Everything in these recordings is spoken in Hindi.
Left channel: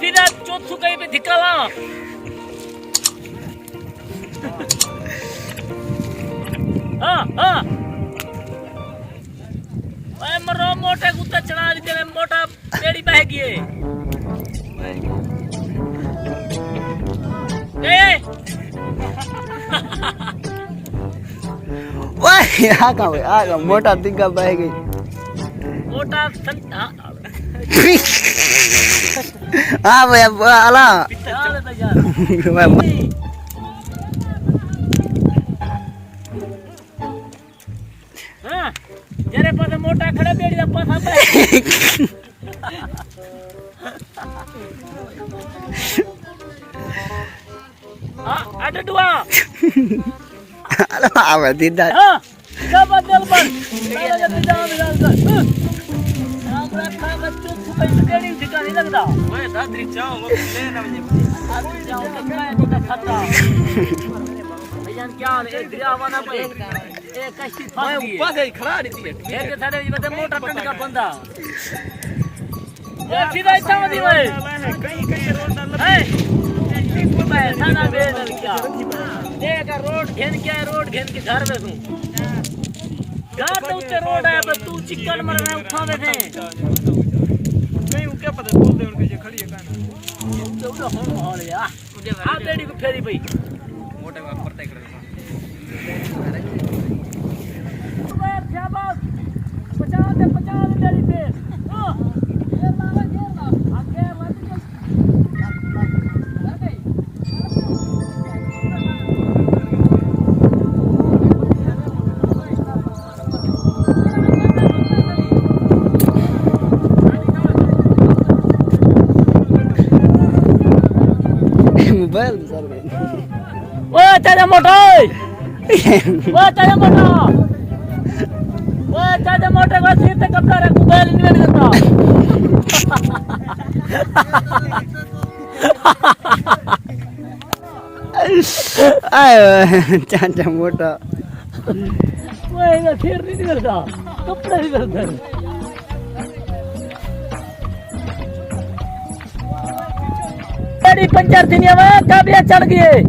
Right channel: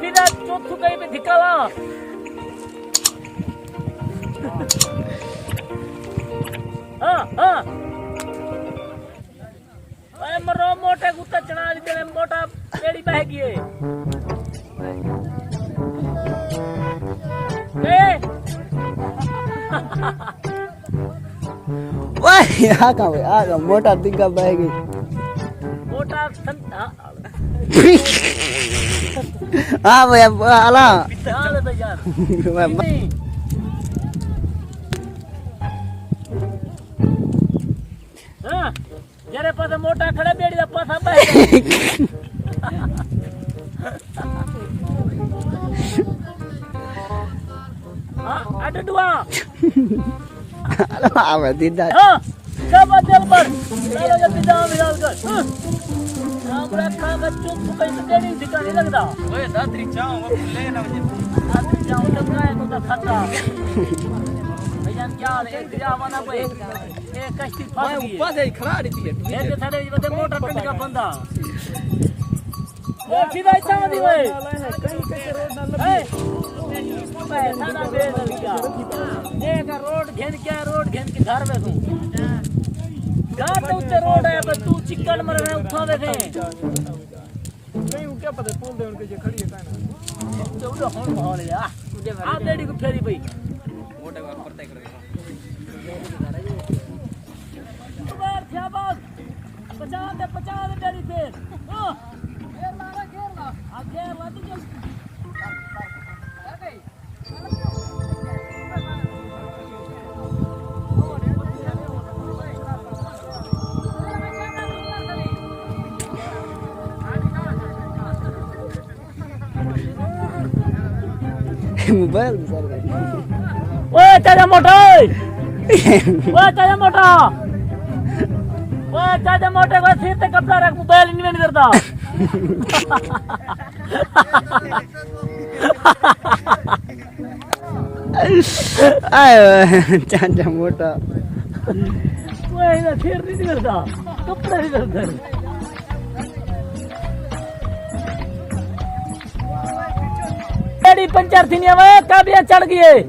फिर चौथू कहीं पे धिकाला हाँ मरो मोटे कुत्ता चढ़ा दी तेरे मोटा पेड़ी बह गई ओए आगा मोटा दिग्गा बह गई मोटा हाँ भैया अला तेरे पास मोटा खड़ा बेड़ी दा पासा बह अडडुआ अला आवे दीदा सब बदल बस चलो जल्दी जाओ मिलाल कर हमरा खा बच्चों को कहीं बेड़ी ठिका नहीं लगता ओए दादरी जाओ वो लेना अभी जाओ तो मैं तो खतरा भैया क्या रे जावाना पे एक कश्ती फंस गई ऊपर से खड़ा रहती है ये थारे ये बता मोटा टन का बंदा ये सीधा इतना मत ओए ए पैसा ना दे क्या देख रोड घेन क्या रोड घेन के घर में तू घर तो ऊंचा रोड है पर तू चिकन मर रहा उठा बैठे नहीं क्या पता बोल दे उनके जो खड़ी है काना तो होन माहौल यार मुझे घर आ बेड़ी को फेरी भाई मोटे बात पड़ता है शाबाश बचा दे मेरी पे ओ घेर ला आ घेर ला तो मोबाइल सर ओए तेरे मोटा का सिर पे कपड़ा रख मोबाइल नहीं देता आयो चाचा मोटा ओए ना सिर नहीं करता कपड़ा ही करता तेरी पंचर थी नहीं में काबिया चढ़ गई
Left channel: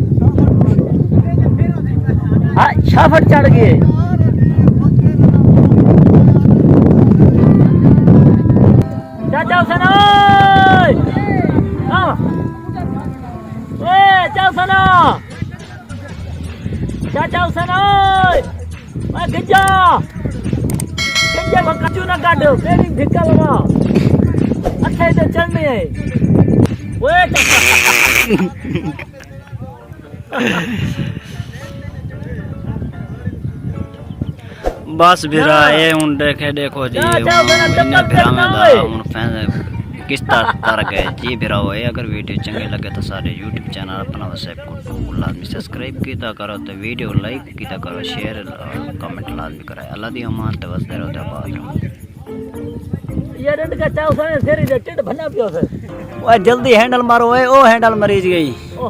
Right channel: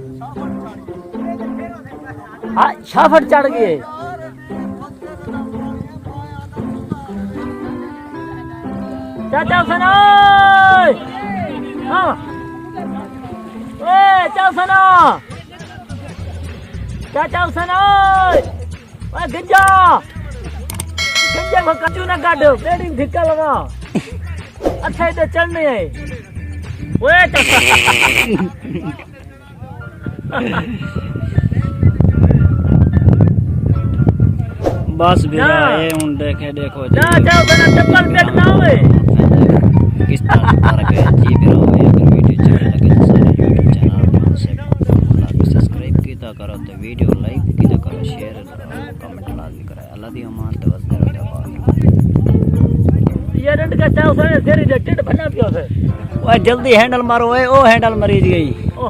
हाँ छाफट चढ़ गई चाचा सना ए चाचा सना मैं गिजा को कचू ना काट मेरी धिक्का लगा अच्छा इधर चलनी है ओए बस बिरा ये उन देखे देखो जी किस तरह के जी बिरा हुए अगर वीडियो चंगी लगे तो सारे यूट्यूब चैनल अपना लाजमी सब्सक्राइब किया करो तो वीडियो लाइक किया करो शेयर कमेंट लाजमी कराए अल्लाह दी अमान तो बस दे रहो आबाद ये रंड का चाव सारे तेरी टिड बना पियो फिर ओए जल्दी हैंडल मारो ओए ओ हैंडल मरीज गई ओ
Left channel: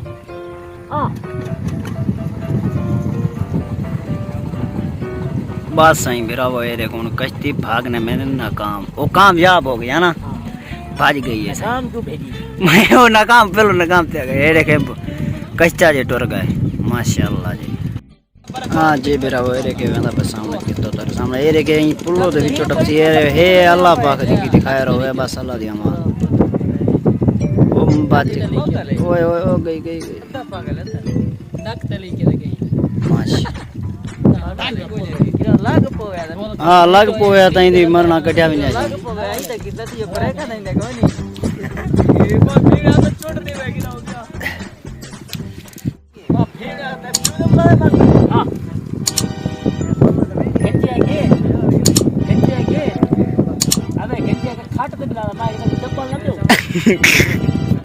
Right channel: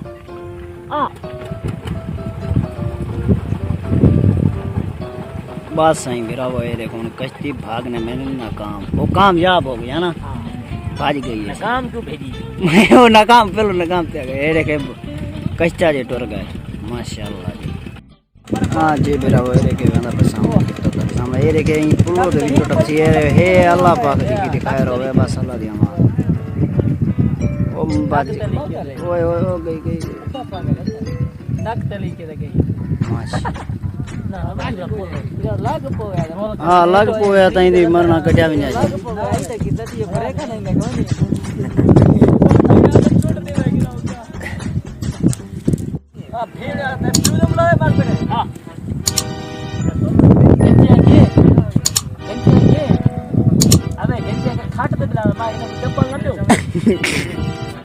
हां बस सही बिरा वो ये देखो कश्ती भागने में नाकाम वो कामयाब हो गया ना भाज गई है शाम को भेजी मैं वो नाकाम पहले नाकाम थे ये देखे कश्ता जे टुर गए माशाल्लाह जी हाँ जी बिरा वो ये देखे वेंदा पे सामने कितो तर सामने ये देखे पुलो दे विचो टपसी हे अल्लाह पाक दी दिखाए रहो बस अल्लाह दी अमान ओ बात ओए ओए ओ गई पागल है तक तली के गई माशाल्लाह हाँ लग पोया ताई दी मरना कटिया भी नहीं लग पोया आई तक कितना ये ब्रेक नहीं ना कोई नहीं हां फिर आते फिर बुलाए बात हां गेंजे अबे गेंजे के खाट पे बुला भाई ने चप्पल न दो